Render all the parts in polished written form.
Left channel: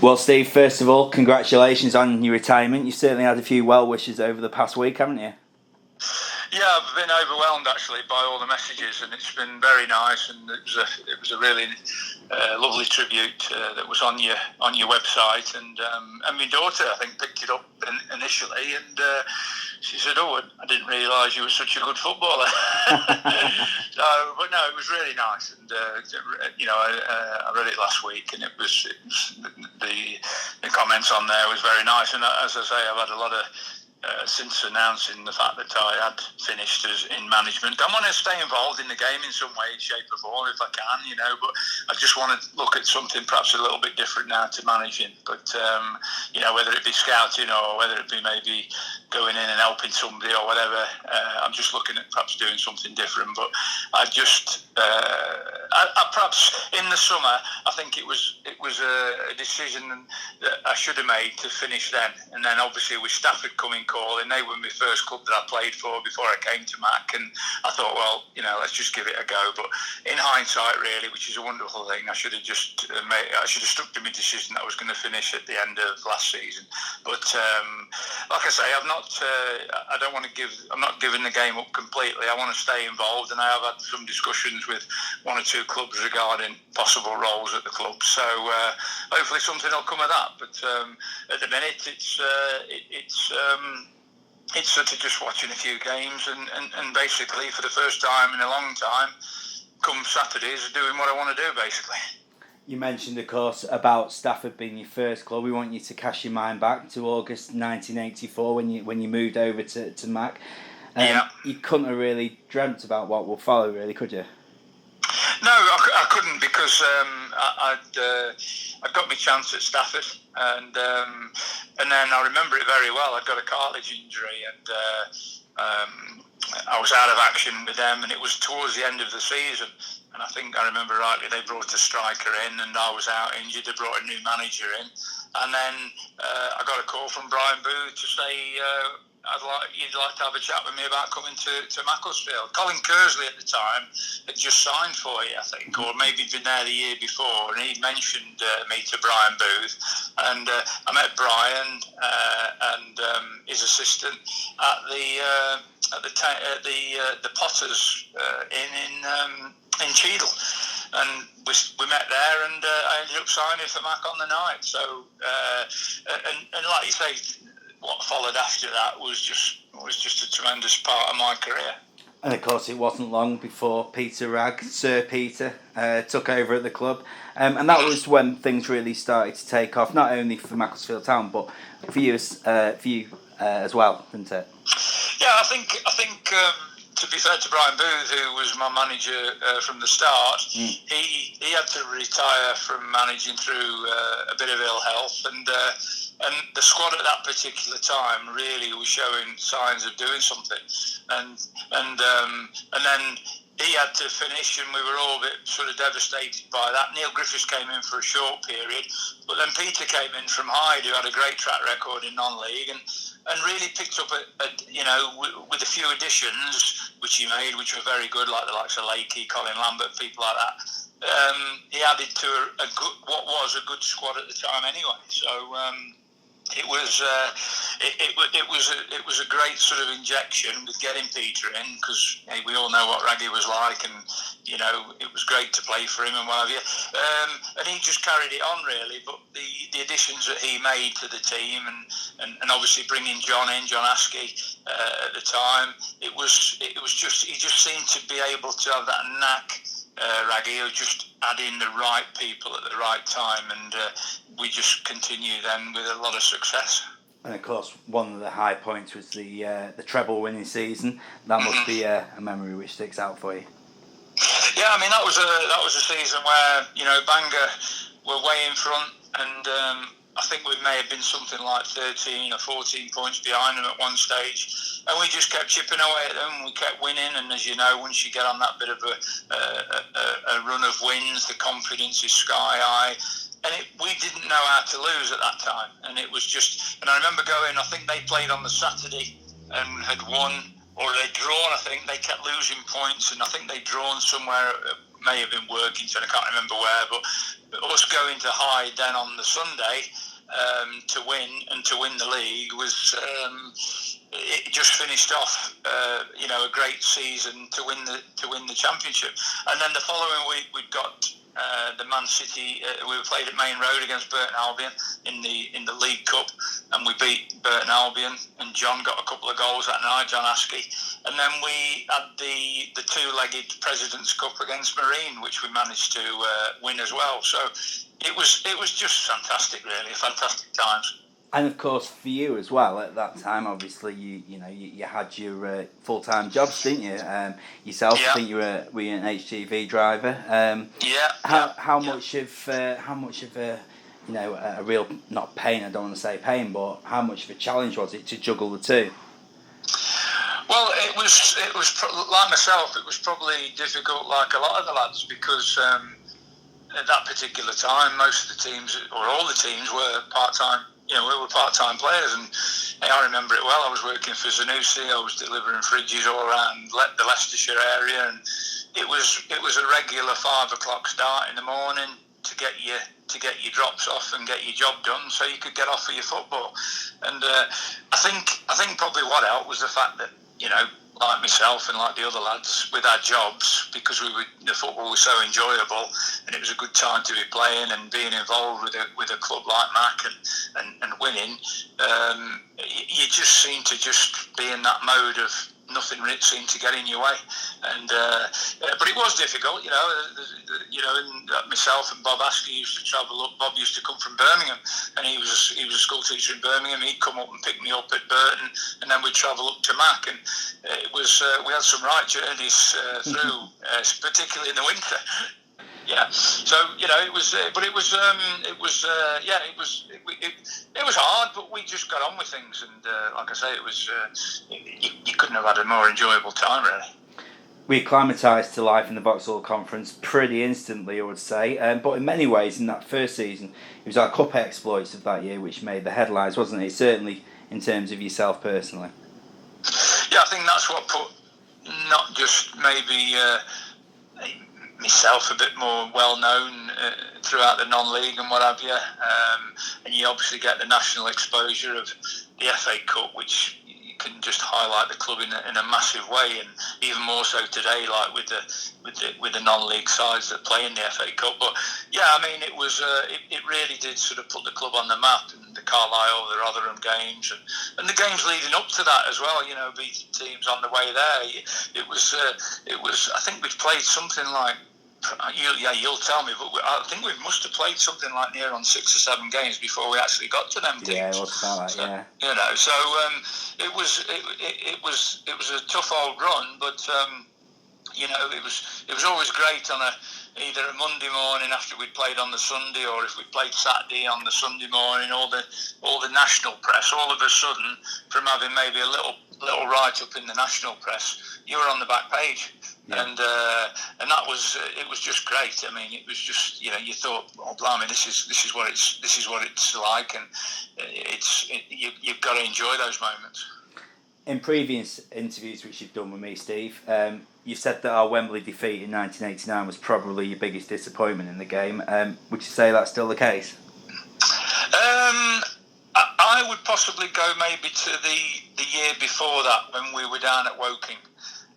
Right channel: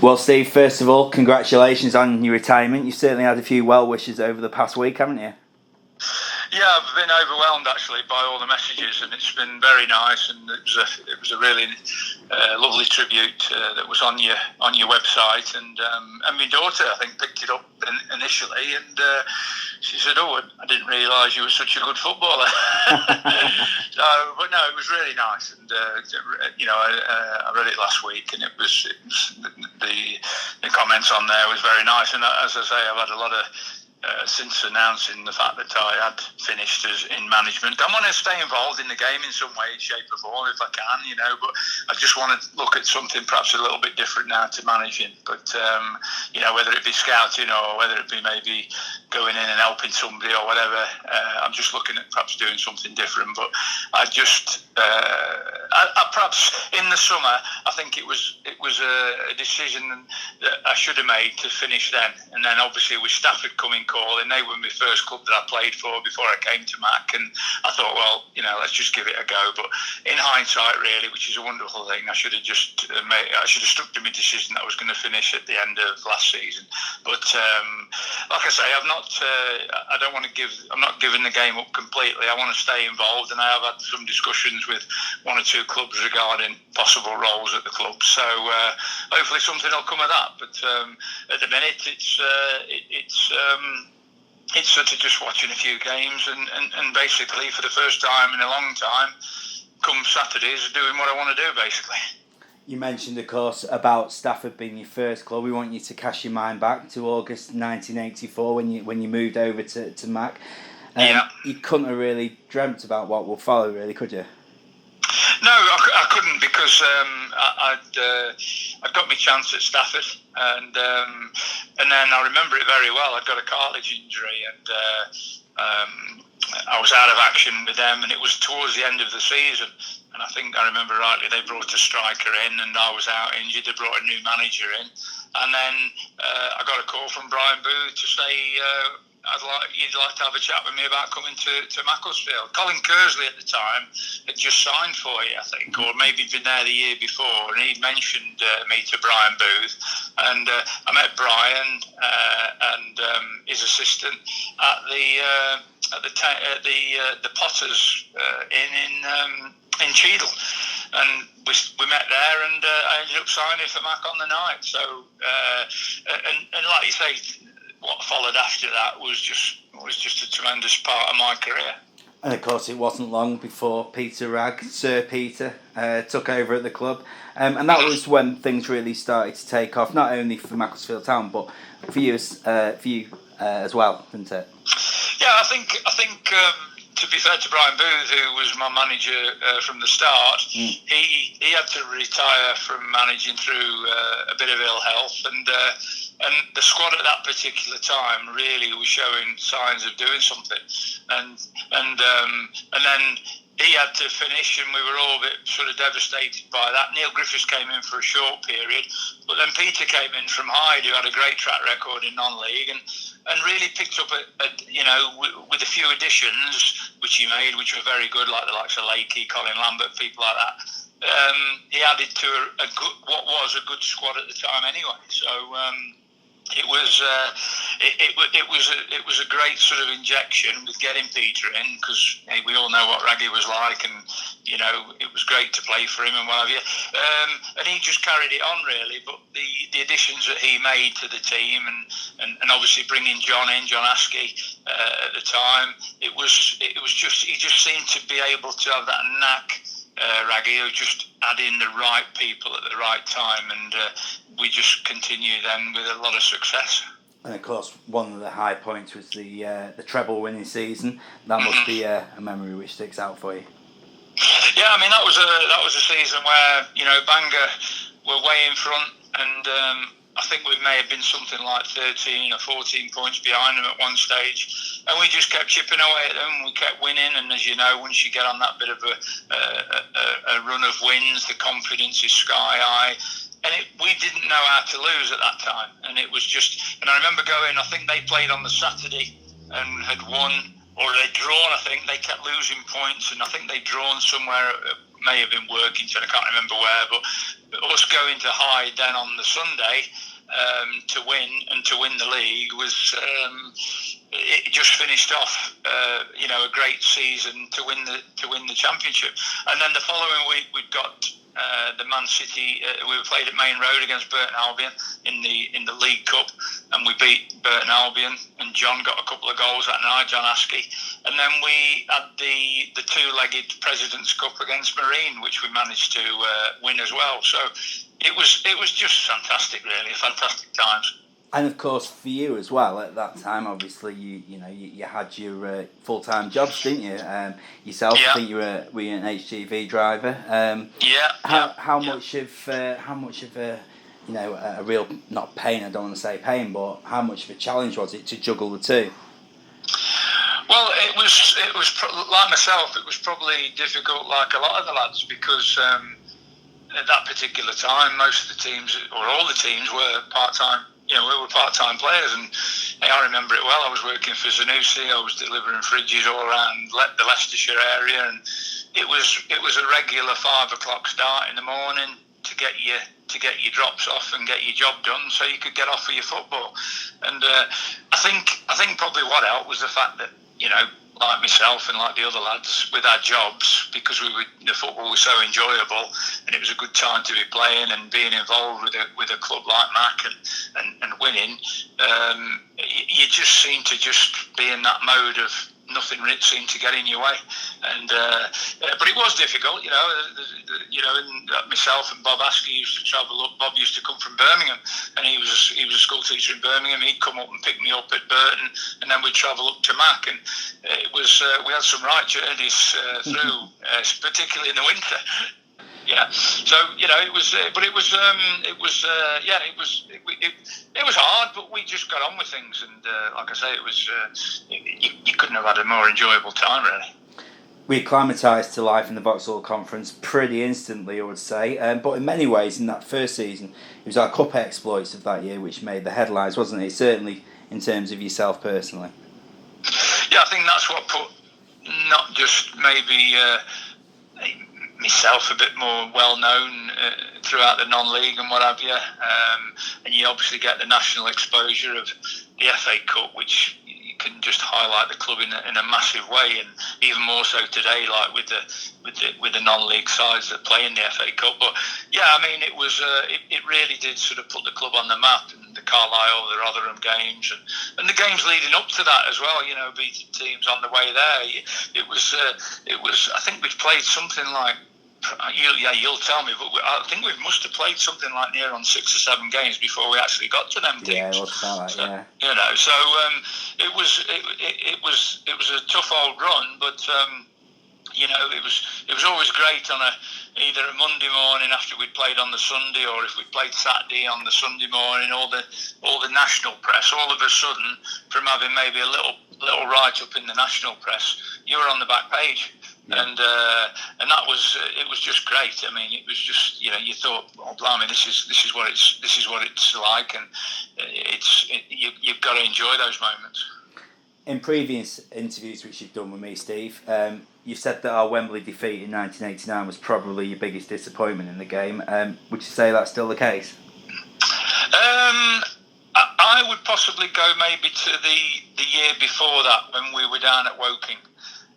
Well, Steve, first of all, congratulations on your retirement. You've certainly had a few well wishes over the past week, haven't you? Yeah, I've been overwhelmed actually by all the messages, and it's been very nice. And it was a really lovely tribute that was on your website, and my daughter I think picked it up initially, and she said, "Oh, I didn't realise you were such a good footballer." But no, it was really nice, and I read it last week, and it was the comments on there was very nice, and as I say, I've had a lot of. Since announcing the fact that I had finished in management, I want to stay involved in the game in some way, shape or form if I can, but I just want to look at something perhaps a little bit different now to managing. But, whether it be scouting or whether it be maybe going in and helping somebody or whatever, I'm just looking at perhaps doing something different. But I just, I perhaps in the summer, I think it was a decision that I should have made to finish then. And then obviously with Stafford coming calling, they were my first club that I played for before I came to Mac, and I thought, well, let's just give it a go. But in hindsight, really, which is a wonderful thing, I should have just I should have stuck to my decision that I was going to finish at the end of last season. But like I say, I'm not giving the game up completely. I want to stay involved, and I have had some discussions with one or two clubs regarding possible roles at the club. So hopefully something will come of that. But at the minute, it's sort of just watching a few games and basically for the first time in a long time, come Saturdays, doing what I want to do basically. You mentioned, of course, about Stafford being your first club. We want you to cast your mind back to August 1984 when you moved over to Mac. You couldn't have really dreamt about what will follow, really, could you? No, I couldn't because I'd got my chance at Stafford, and then I remember it very well. I'd got a cartilage injury, and I was out of action with them, and it was towards the end of the season. And I think I remember rightly, they brought a striker in, and I was out injured. They brought a new manager in, and then I got a call from Brian Booth to say. You'd like to have a chat with me about coming to Macclesfield. Colin Kersley at the time had just signed for you, I think, or maybe been there the year before, and he'd mentioned me to Brian Booth, and I met Brian and his assistant at the Potters in Cheadle, and we met there, and I ended up signing for Mac on the night. So and like you say. What followed after that was just a tremendous part of my career. And of course, it wasn't long before Peter Wragg, Sir Peter, took over at the club, and that was when things really started to take off. Not only for Macclesfield Town, but for you as well, didn't it? Yeah, I think. To be fair to Brian Booth, who was my manager from the start, he had to retire from managing through a bit of ill health, and the squad at that particular time really was showing signs of doing something, and then he had to finish, and we were all a bit sort of devastated by that. Neil Griffiths came in for a short period, but then Peter came in from Hyde, who had a great track record in non-league, and really picked up with a few additions which he made, which were very good, like the likes of Lakey, Colin Lambert, people like that. He added to what was a good squad at the time anyway. So. It was a great sort of injection with getting Peter in, because we all know what Raggy was like, and it was great to play for him and what have you. And he just carried it on really. But the additions that he made to the team, and obviously bringing John Askey at the time, it was just he just seemed to be able to have that knack. Raggy, who just add in the right people at the right time, and we just continue then with a lot of success. And of course, one of the high points was the treble winning season. That must be a memory which sticks out for you. Yeah, I mean that was a season where Bangor were way in front, and I think we may have been something like 13 or 14 points behind them at one stage. And we just kept chipping away at them. We kept winning, and as you know, once you get on that bit of a run of wins, the confidence is sky high. And we didn't know how to lose at that time. And it was just, and I remember going, I think they played on the Saturday and had won, or they'd drawn, I think. They kept losing points, and I think they'd drawn somewhere may have been working, so I can't remember where, but us going to Hyde then on the Sunday to win the league was it just finished off a great season to win the championship. And then the following week we'd got the Man City. We played at Main Road against Burton Albion in the League Cup, and we beat Burton Albion. And John got a couple of goals that night, John Askey. And then we had the two-legged President's Cup against Marine, which we managed to win as well. So it was just fantastic, really, fantastic times. And of course, for you as well, at that time, obviously, you had your full-time jobs, didn't you? Yourself, yeah. I think you were an HGV driver. How much of a real, not pain, I don't want to say pain, but how much of a challenge was it to juggle the two? Well, it was like myself. It was probably difficult, like a lot of the lads, because at that particular time, most of the teams, or all the teams, were part-time. We were part-time players, and I remember it well. I was working for Zanussi. I was delivering fridges all around the Leicestershire area, and it was a regular 5 o'clock start in the morning to get your drops off and get your job done, so you could get off for your football. And I think probably what helped was the fact that like myself and like the other lads, with our jobs, because the football was so enjoyable, and it was a good time to be playing and being involved with a club like Mac and winning. You just seem to just be in that mode of nothing seemed to get in your way, and but it was difficult, and myself and Bob Askey used to travel up. Bob used to come from Birmingham, and he was a school teacher in Birmingham. He'd come up and pick me up at Burton, and then we'd travel up to Mac, and it was we had some right journeys through, particularly in the winter. Yeah, so it was, but it was hard, but we just got on with things, and like I say, it was you couldn't have had a more enjoyable time, really. We acclimatised to life in the Vauxhall Conference pretty instantly, I would say, but in many ways, in that first season, it was our cup exploits of that year which made the headlines, wasn't it? Certainly in terms of yourself personally. Yeah, I think that's what put not just maybe myself a bit more well known throughout the non-league and what have you, and you obviously get the national exposure of the FA Cup, which you can just highlight the club in a massive way, and even more so today, like with the non-league sides that play in the FA Cup. But yeah, I mean, it was it really did sort of put the club on the map, and the Carlisle, the Rotherham games, and the games leading up to that as well. Beating teams on the way there. It was I think we'd played something like. You'll tell me, but I think we must have played something like near on 6 or 7 games before we actually got to them teams. Yeah, it was about that. Yeah. So it was a tough old run, but it was always great on either a Monday morning after we'd played on the Sunday, or if we played Saturday on the Sunday morning. All the national press, all of a sudden, from having maybe a little write up in the national press, you were on the back page. Yeah. And that was it was just great. I mean, it was just you thought, oh blimey, this is what it's like, and you've got to enjoy those moments. In previous interviews which you've done with me, Steve, you said that our Wembley defeat in 1989 was probably your biggest disappointment in the game. Would you say that's still the case? I would possibly go maybe to the year before that, when we were down at Woking.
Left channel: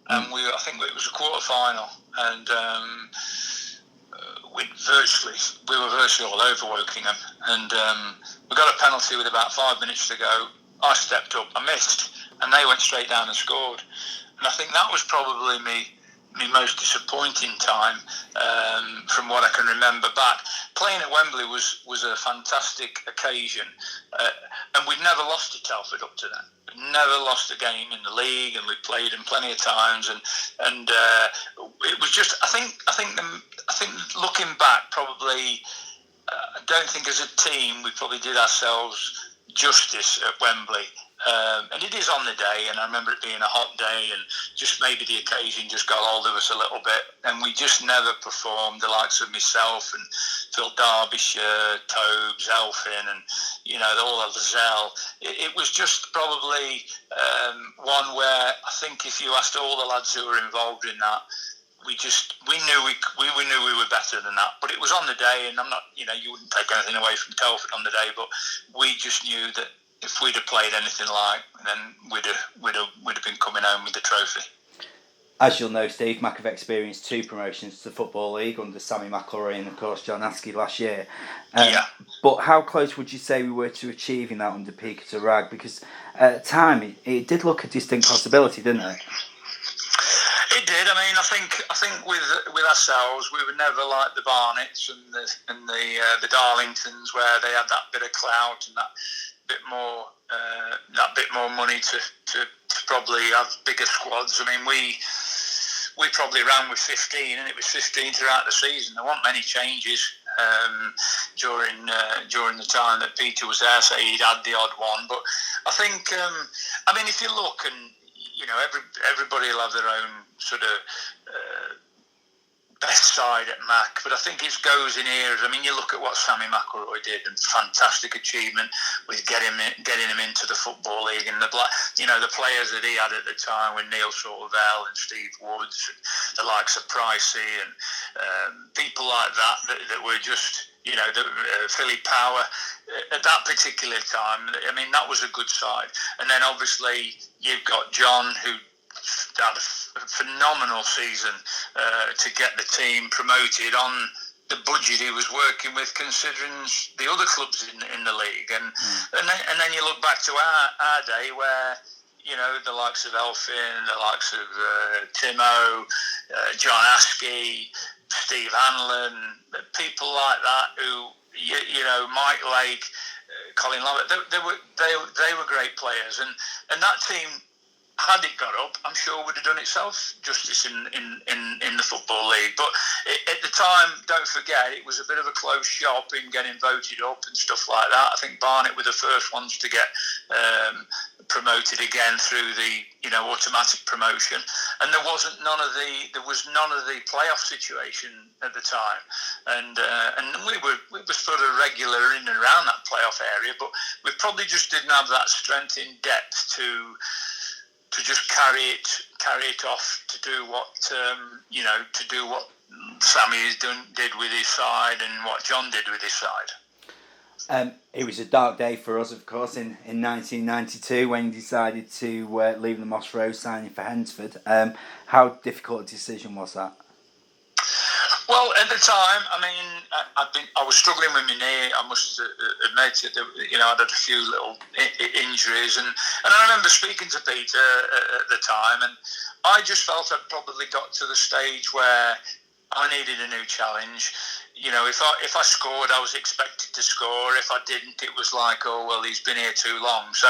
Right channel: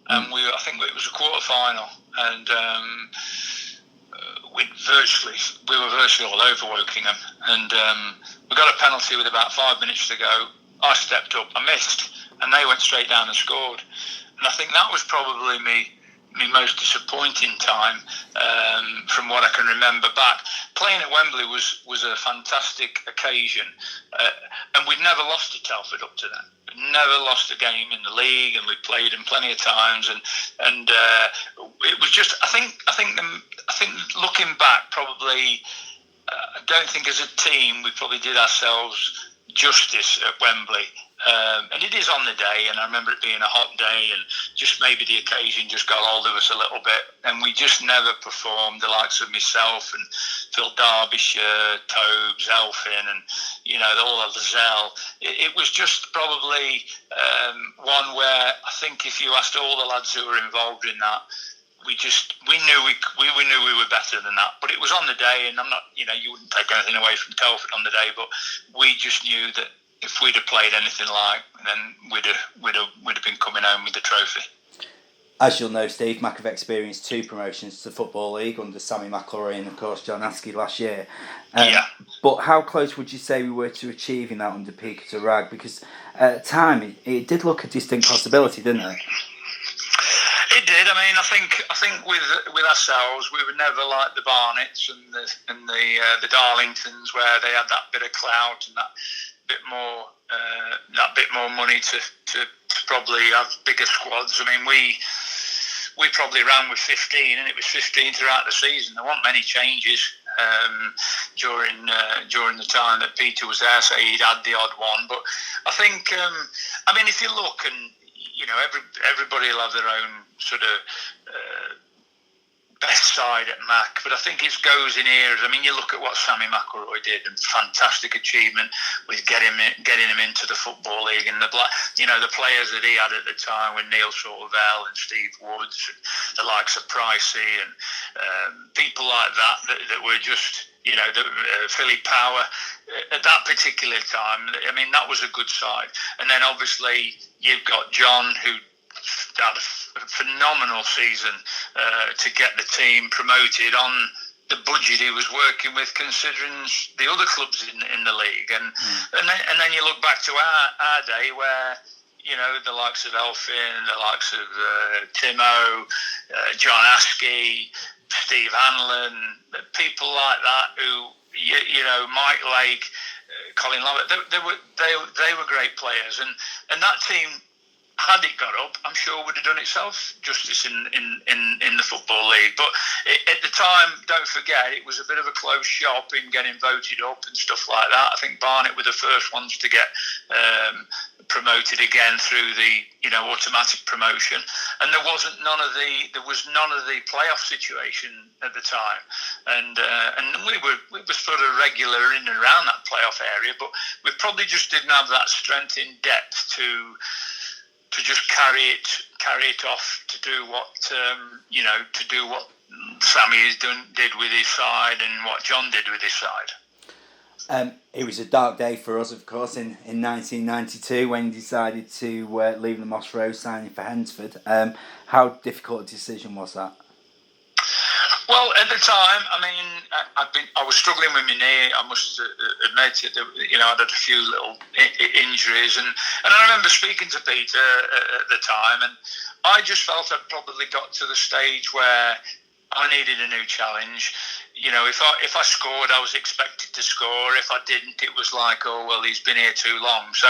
And I think it was a quarter final, and we were virtually all over Wokingham, and we got a penalty with about 5 minutes to go. I stepped up, I missed, and they went straight down and scored. And I think that was probably my most disappointing time from what I can remember back. Playing at Wembley was a fantastic occasion, and we'd never lost to Telford up to then. We'd never lost a game in the league, and we played them plenty of times, and it was just I think looking back, probably I don't think as a team we probably did ourselves justice at Wembley. And it is on the day, and I remember it being a hot day, and just maybe the occasion just got hold of us a little bit, and we just never performed. The likes of myself and Phil Derbyshire, Tobes, Elfin, and all of Lazelle. It was just probably one where I think if you asked all the lads who were involved in that, we knew we were better than that. But it was on the day, and I'm not, you wouldn't take anything away from Telford on the day, but we just knew that if we'd have played anything like, then we'd have been coming home with the trophy. As you'll know, Steve, Mac have experienced 2 promotions to the Football League under Sammy McElroy and, of course, John Askey last year. Yeah. But how close would you say we were to achieving that under Peter Ragg? Because at the time, it did look a distinct possibility, didn't it? It did. I mean, I think with ourselves, we were never like the Barnetts and the Darlingtons, where they had that bit of clout and that bit more money to probably have bigger squads. I mean, we probably ran with 15, and it was 15 throughout the season. There weren't many changes during the time that Peter was there. So he'd had the odd one, but I think if you look, and everybody will have their own sort of best side at Mac, but I think it goes in eras. I mean, you look at what Sammy McElroy did, and fantastic achievement with getting him into the Football League, and the players that he had at the time with Neil Sorvell and Steve Woods, and the likes of Pricey and people like that were just, Philly Power at that particular time. I mean, that was a good side. And then obviously you've got John, who had a phenomenal season to get the team promoted on the budget he was working with, considering the other clubs in the league. And then you look back to our day, where the likes of Elfin, the likes of Timo, John Askey, Steve Hanlon, people like that, who Mike Lake, Colin Lovett, they were great players, and that team, had it got up, I'm sure would have done itself justice in the Football League. But at the time, don't forget, it was a bit of a closed shop in getting voted up and stuff like that. I think Barnet were the first ones to get promoted again through the automatic promotion, and there was none of the playoff situation at the time, and we were sort of regular in and around that playoff area, but we probably just didn't have that strength in depth to just carry it off, to do what Sammy did with his side and what John did with his side. It was a dark day for us, of course, in 1992 when he decided to leave the Moss Road, signing for Hensford. How difficult a decision was that? Well, at the time, I mean, I was struggling with my knee. I must admit it. I'd had a few little injuries, and I remember speaking to Peter at the time, and I just felt I'd probably got to the stage where I needed a new challenge. If I scored, I was expected to score. If I didn't, it was like, oh well, he's been here too long. So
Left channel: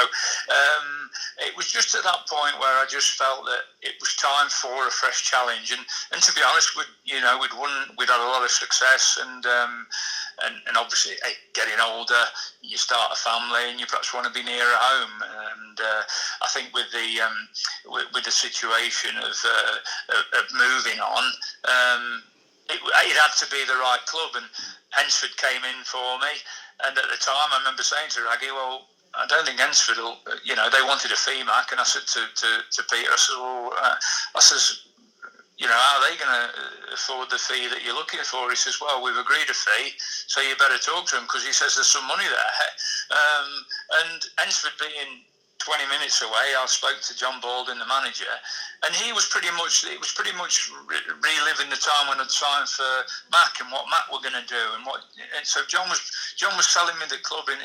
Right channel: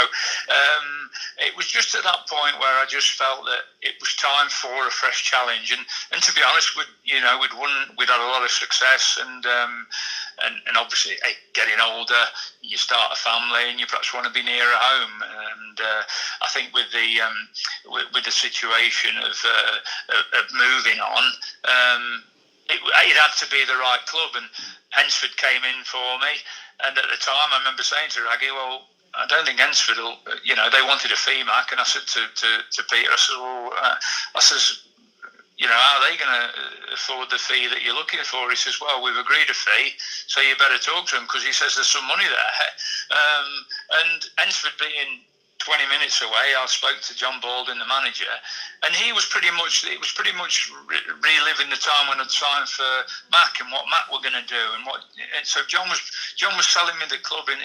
it was just at that point where I just felt that it was time for a fresh challenge. And to be honest, we'd had a lot of success, and obviously, getting older, you start a family, and you perhaps want to be nearer home. And I think with the situation of moving on. It had to be the right club, and Hensford came in for me. And at the time, I remember saying to Raggy, "Well, I don't think Hensford will." They wanted a fee, Mac, and I said to Peter, I said, "Well, how are they going to afford the fee that you're looking for?" He says, "Well, we've agreed a fee, so you better talk to him," because he says there's some money there. And Hensford being 20 minutes away, I spoke to John Baldwin, the manager, and it was pretty much reliving the time when I'd signed for Mac and what Mac were going to do, and so John was selling me the club in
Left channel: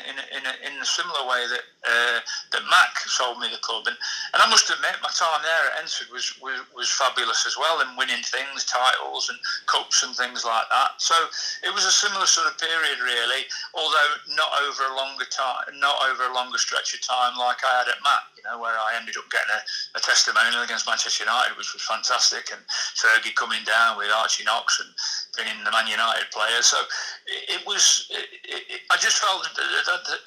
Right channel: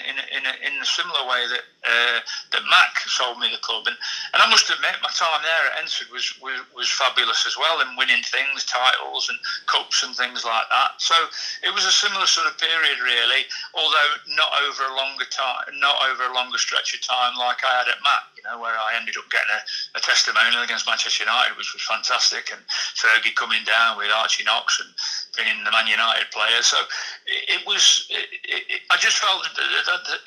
a similar way that Mac sold me the club, and I must admit my time there at Hensford was fabulous as well, and winning things, titles and cups and things like that. So it was a similar sort of period really, although not over a longer stretch of time like I had at Mac, where I ended up getting a testimonial against Manchester United, which was fantastic, and Fergie coming down with Archie Knox and being the Man United player. So I just felt that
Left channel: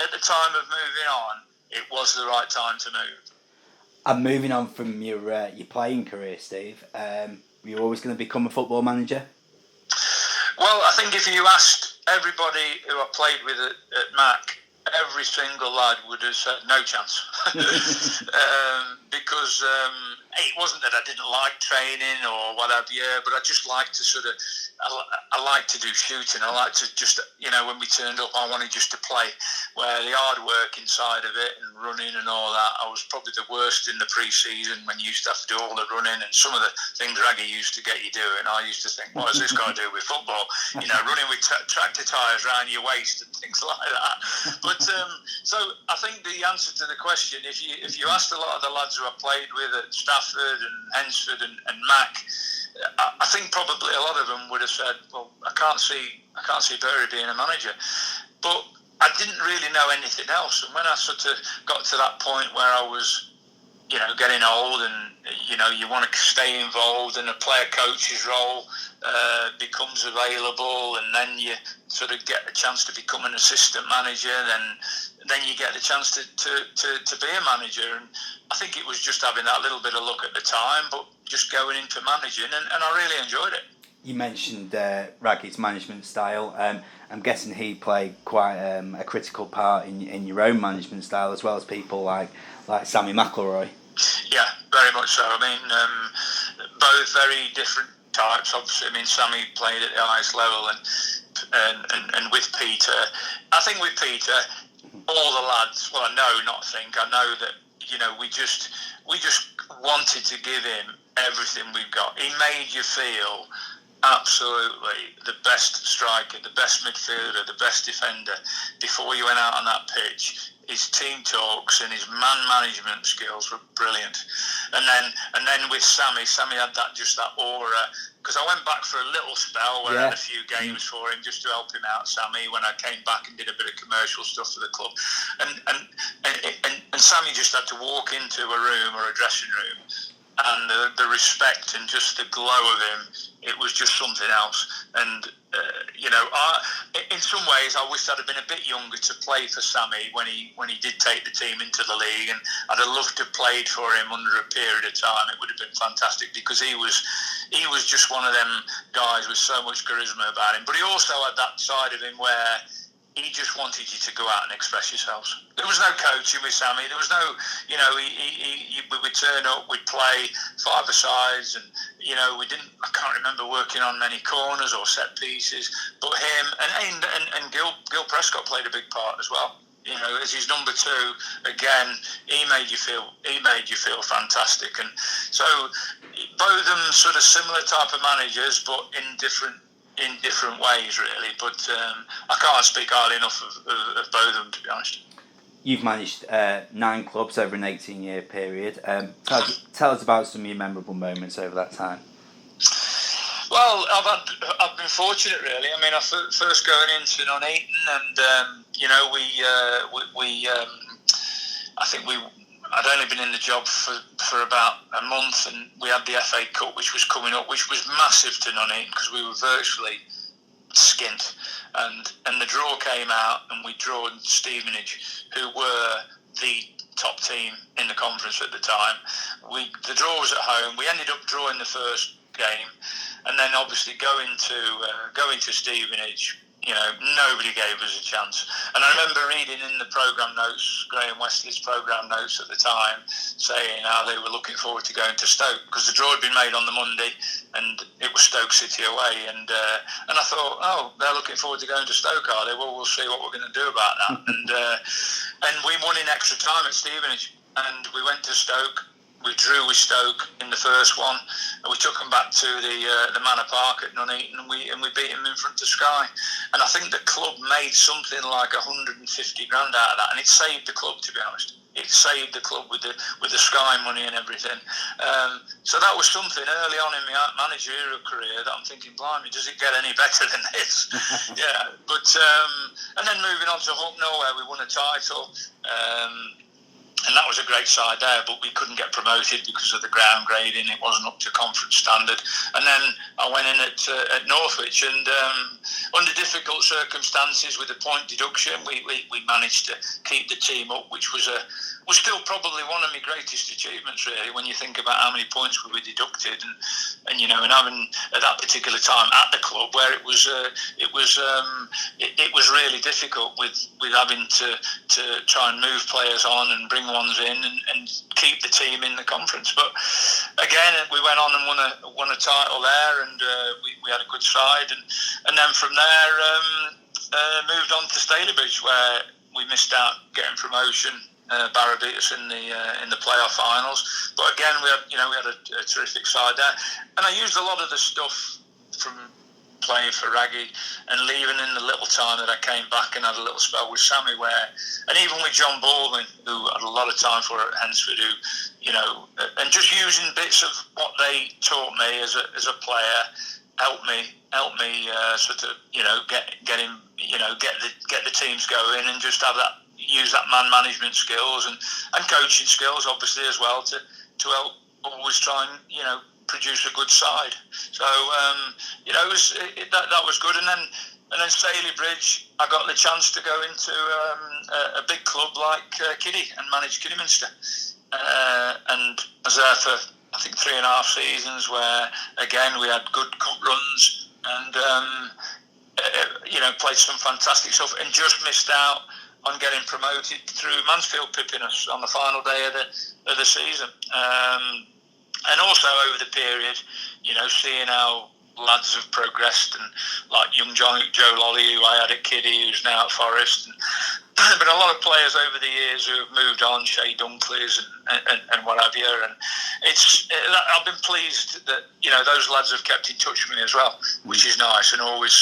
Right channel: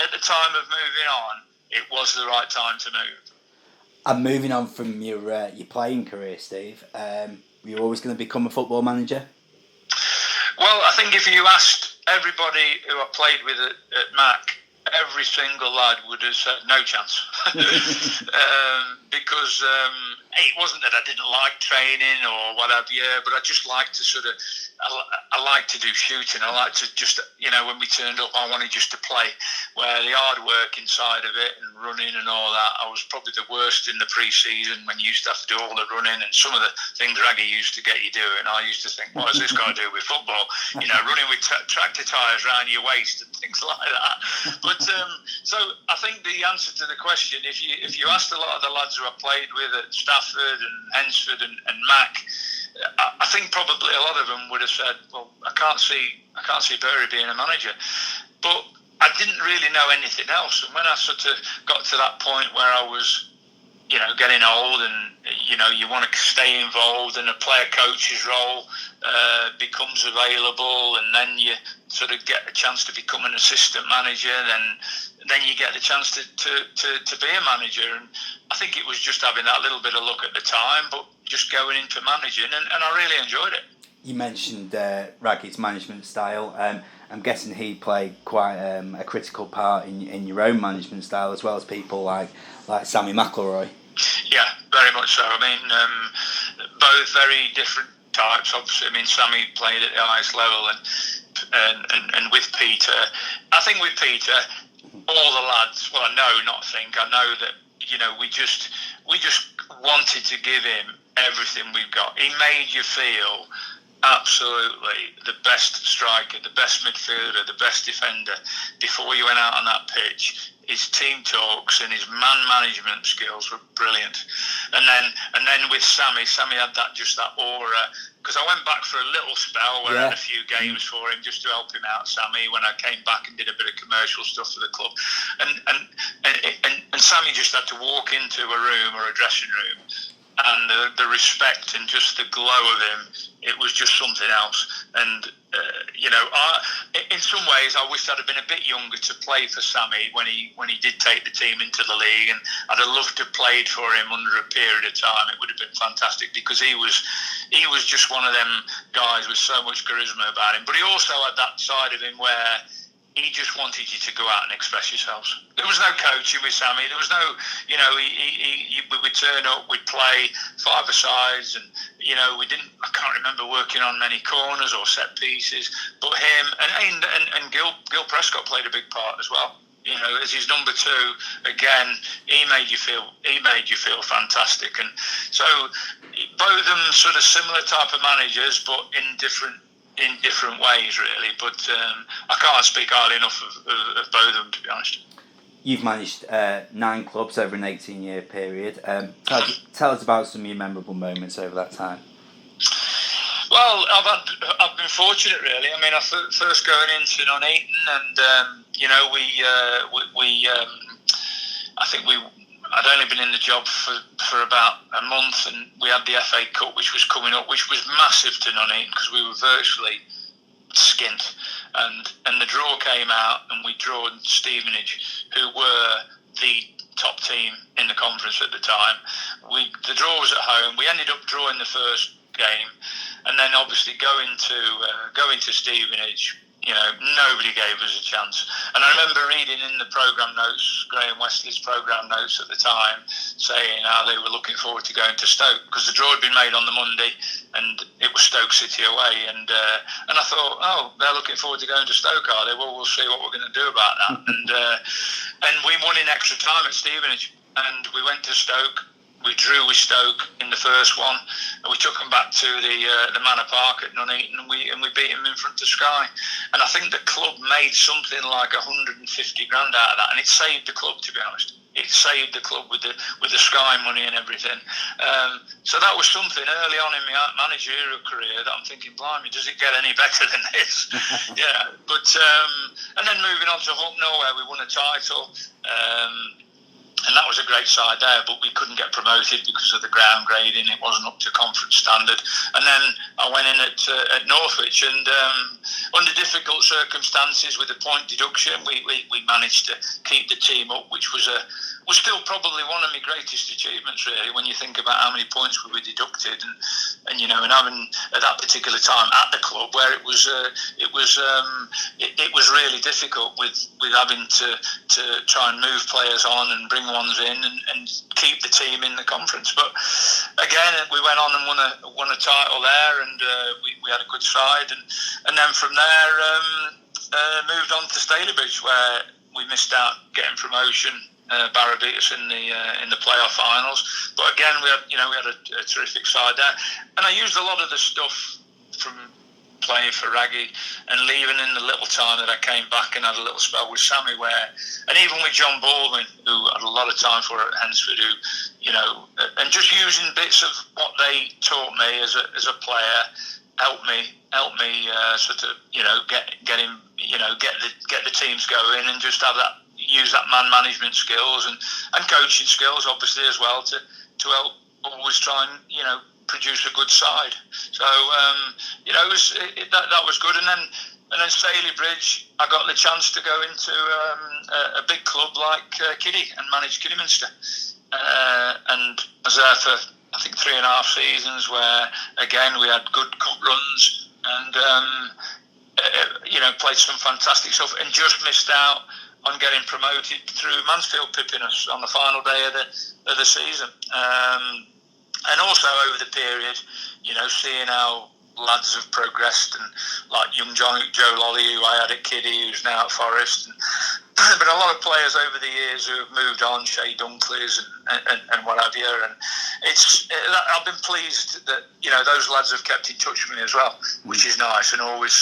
at the time of moving on, it was the right time to move. And moving on from your playing career, Steve, were you always going to become a football manager? Well, I think if you asked everybody who I played with at Mac, every single lad would have said no chance, because it wasn't that I didn't like training or whatever, but I just like to sort of, I like to do shooting. I like to just, when we turned up, I wanted just to play. Where the hard work inside of it and running and all that, I was probably the worst in the pre-season when you used to have to do all the running and some of the things Raggy used to get you doing. I used to think, what has this got to do with football? Running with tractor tyres around your waist and things like that. But so I think the answer to the question, if you asked a lot of the lads who I played with at Stafford and Hensford and Mac, I think probably a lot of them would have said, well, I can't see Burry being a manager. But I didn't really know anything else. And when I sort of got to that point where I was, getting old and, you want to stay involved and a player coach's role becomes available, and then you sort of get a chance to become an assistant manager, then you get the chance to be a manager. And I think it was just having that little bit of luck at the time, but just going into managing, and I really enjoyed it. You mentioned Raggy's management style. I'm guessing he played quite a critical part in your own management style, as well as people like Sammy McElroy. Yeah, very much so. I mean, both very different types. Obviously, I mean, Sammy played at the highest level, and with Peter, I think with Peter, all the lads. Well, I know that we just wanted to give him everything we've got. He made you feel absolutely the best striker, the best midfielder, the best defender before you went out on that pitch. His team talks and his man management skills were brilliant. And then with Sammy had that aura. Because I went back for a little spell where I had a few games for him just to help him out, Sammy, when I came back and did a bit of commercial stuff for the club. And Sammy just had to walk into a room or a dressing room, and the respect and just the glow of him, it was just something else. And in some ways, I wish I'd have been a bit younger to play for Sammy when he did take the team into the league, and I'd have loved to have played for him under a period of time. It would have been fantastic, because he was just one of them guys with so much charisma about him. But he also had that side of him where he just wanted you to go out and express yourselves. There was no coaching with Sammy. There was no, we would turn up, we'd play five-a-sides, and, I can't remember working on many corners or set pieces, but him and Gil Prescott played a big part as well. As his number two, again, he made you feel fantastic. And so both of them sort of similar type of managers, but in different ways, really. But I can't speak highly enough of both of them, to be honest. You've managed 9 clubs over an 18-year period. Tell us about some of your memorable moments over that time. Well, I've been fortunate, really. I mean, I first going into Nuneaton, and I'd only been in the job for about a month, and we had the FA Cup, which was coming up, which was massive to Nuneaton because we were virtually skint. And the draw came out, and we drawed Stevenage, who were the top team in the conference at the time. The draw was at home. We ended up drawing the first game, and then obviously going to Stevenage, nobody gave us a chance. And I remember reading in the programme notes, Graham Wesley's programme notes at the time, saying how they were looking forward to going to Stoke, because the draw had been made on the Monday and it was Stoke City away. And I thought, oh, they're looking forward to going to Stoke, are they? Well, we'll see what we're going to do about that. And we won in extra time at Stevenage, and we went to Stoke. We drew with Stoke in the first one, and we took them back to the Manor Park at Nuneaton, and we beat them in front of Sky. And I think the club made something like 150 grand out of that, and it saved the club, to be honest. It saved the club with the Sky money and everything. So that was something early on in my managerial career that I'm thinking, blimey, does it get any better than this? Yeah, but and then moving on to Hucknall, where we won a title. And that was a great side there, but we couldn't get promoted because of the ground grading. It wasn't up to conference standard. And then I went in at Northwich, and under difficult circumstances with a point deduction, we managed to keep the team up, which was still probably one of my greatest achievements, really, when you think about how many points we were deducted, and having at that particular time at the club where it was really difficult with having to try and move players on and bring ones in and keep the team in the conference. But again, we went on and won a title there, and we had a good side, and then from there moved on to Stalybridge, where we missed out getting promotion. Barrow beat us in the playoff finals, but again we had a terrific side there, and I used a lot of the stuff from playing for Raggy and leaving in the little time that I came back and had a little spell with Sammy, and even with John Baldwin, who had a lot of time for at Hensford, and just using bits of what they taught me as a player helped me sort of get the teams going, and just use that man management skills and coaching skills obviously as well to help always try and produce a good side. So that was good, and then Stalybridge, I got the chance to go into a big club like Kiddie and manage Kidderminster, and I was there for I think 3.5 seasons, where again we had good cup runs and played some fantastic stuff, and just missed out on getting promoted through Mansfield pipping us on the final day of the season. And also over the period, seeing how lads have progressed, and like young Joe Lolly, who I had at Kiddie, who's now at Forest, and been a lot of players over the years who have moved on, Shay Dunkleys and what have you, and I've been pleased that those lads have kept in touch with me as well, which is nice, and always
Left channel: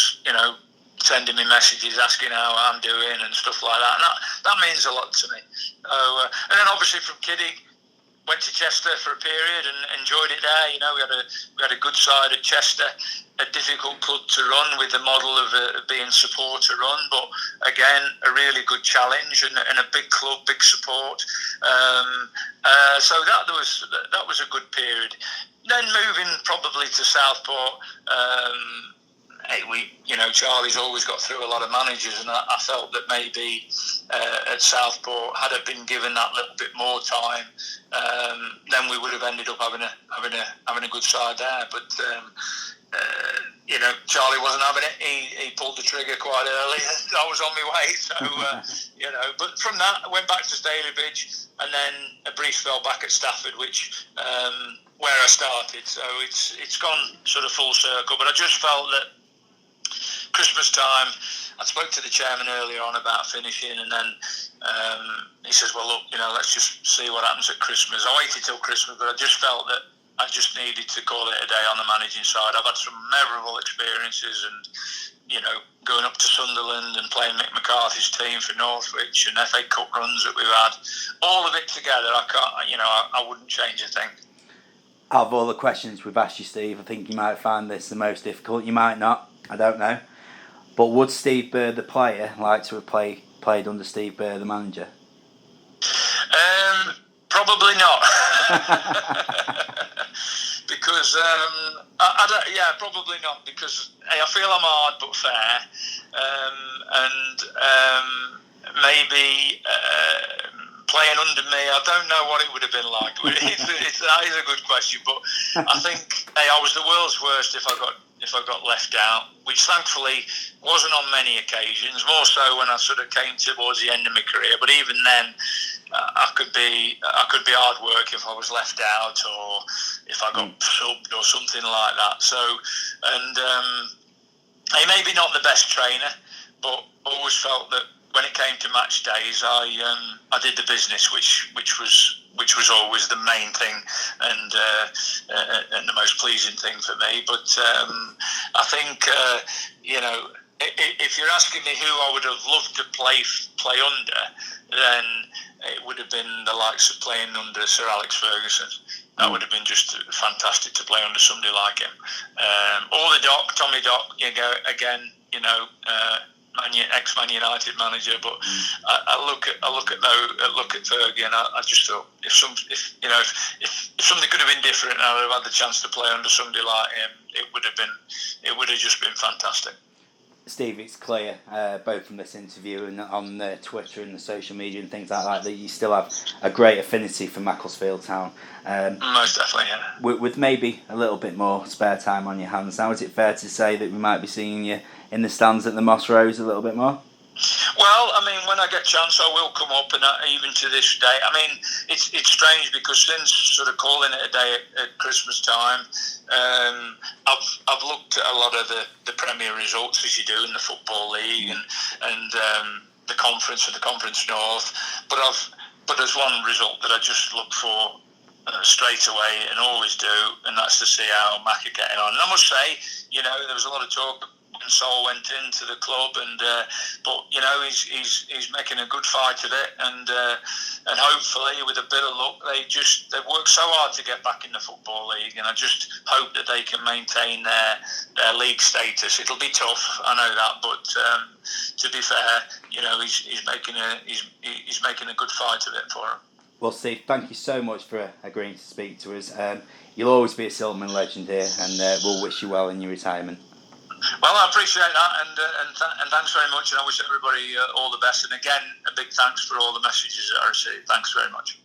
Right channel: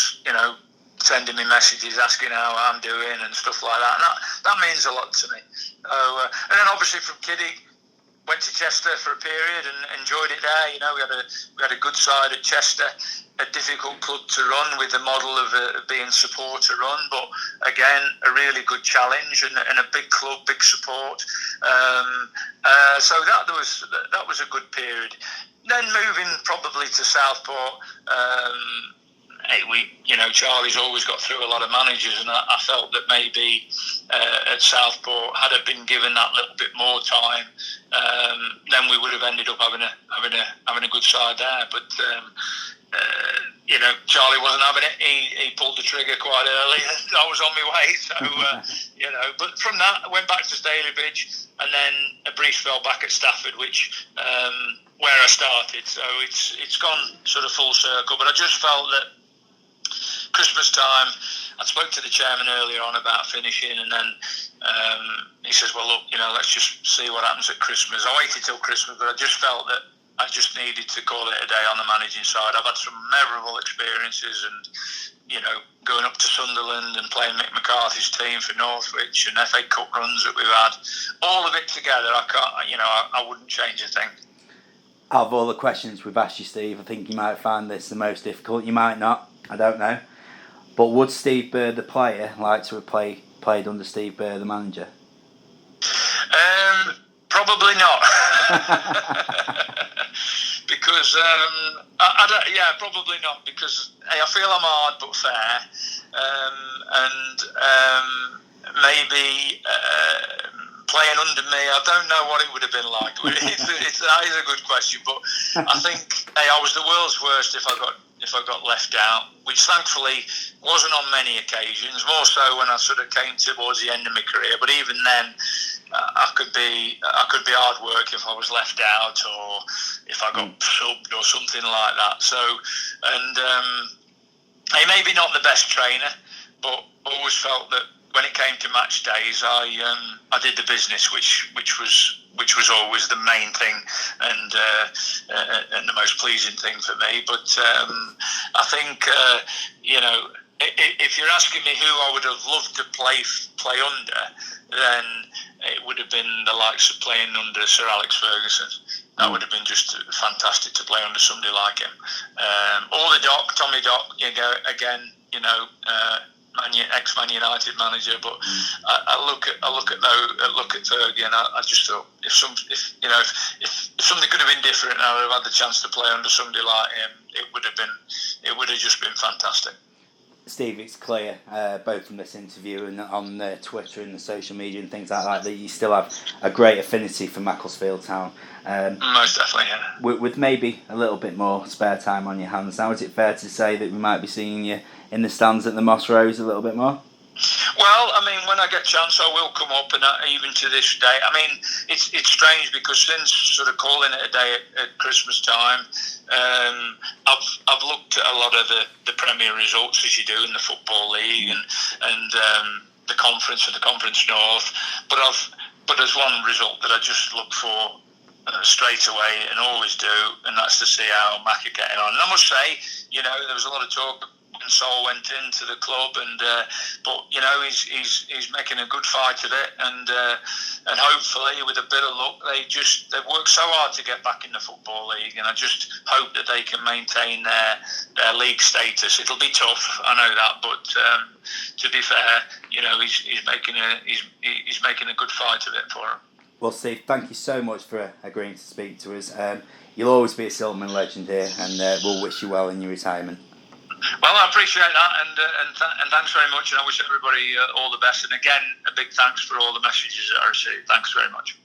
sending me messages asking how I'm doing and stuff like that, and that means a lot to me. And then obviously from Kiddie, went to Chester for a period and enjoyed it there. We had a good side at Chester, a difficult club to run with the model of being supporter run, but again a really good challenge and a big club, big support. So that was a good period. Then moving probably to Southport. Charlie's always got through a lot of managers, and I felt that maybe at Southport, had I been given that little bit more time, then we would have ended up having a good side there. But Charlie wasn't having it. He pulled the trigger quite early. I was on my way, so But from that, I went back to Stalybridge, and then a brief spell back at Stafford, which where I started. So it's gone sort of full circle. But I just felt that Christmas time, I spoke to the chairman earlier on about finishing, and then he says, well, look, let's just see what happens at Christmas. I waited till Christmas, but I just felt that I just needed to call it a day on the managing side. I've had some memorable experiences, and going up to Sunderland and playing Mick McCarthy's team for Northwich, and FA Cup runs that we've had, all of it together, I wouldn't change a thing. Out of all the questions we've asked you, Steve, I think you might find this the most difficult. You might not. I don't know. But would Steve Burr the player like to have played under Steve Burr the manager? Probably not. Because probably not, because I feel I'm hard but fair, and maybe playing under me, I don't know what it would have been like. That is a good question, but I think I was the world's worst if I got left out, which thankfully wasn't on many occasions, more so when I sort of came towards the end of my career. But even then, I could be hard work if I was left out, or if I got subbed or something like that. So, and he maybe not the best trainer, but always felt that when it came to match days, I did the business, which was always the main thing and the most pleasing thing for me. But I think if you're asking me who I would have loved to play under, then it would have been the likes of playing under Sir Alex Ferguson. That would have been just fantastic to play under somebody like him. Or the Doc, Tommy Doc, again, ex-Man United manager, but I look at Fergie, and I just thought if something could have been different, and I would have had the chance to play under somebody like him, it would have just been fantastic. Steve, it's clear, both from this interview and on Twitter and the social media and things like that you still have a great affinity for Macclesfield Town. Most definitely, yeah. With maybe a little bit more spare time on your hands now, is it fair to say that we might be seeing you in the stands at the Moss Rose a little bit more? Well, I mean, when I get a chance, I will come up, and even to this day, I mean, it's strange because since sort of calling it a day at Christmas time, I've looked at a lot of the Premier results as you do in the Football League and the Conference and the Conference North, but there's one result that I just look for straight away and always do, and that's to see how Mac are getting on. And I must say, there was a lot of talk when Sol went into the club, but he's making a good fight of it, and hopefully with a bit of luck, they've worked so hard to get back in the Football League, and I just hope that they can maintain their league status. It'll be tough, I know that, but to be fair, he's making a good fight of it for him. Well, Steve, thank you so much for agreeing to speak to us. You'll always be a Silkmen legend here, and we'll wish you well in your retirement. Well, I appreciate that, and thanks very much, and I wish everybody all the best. And again, a big thanks for all the messages that I received. Thanks very much.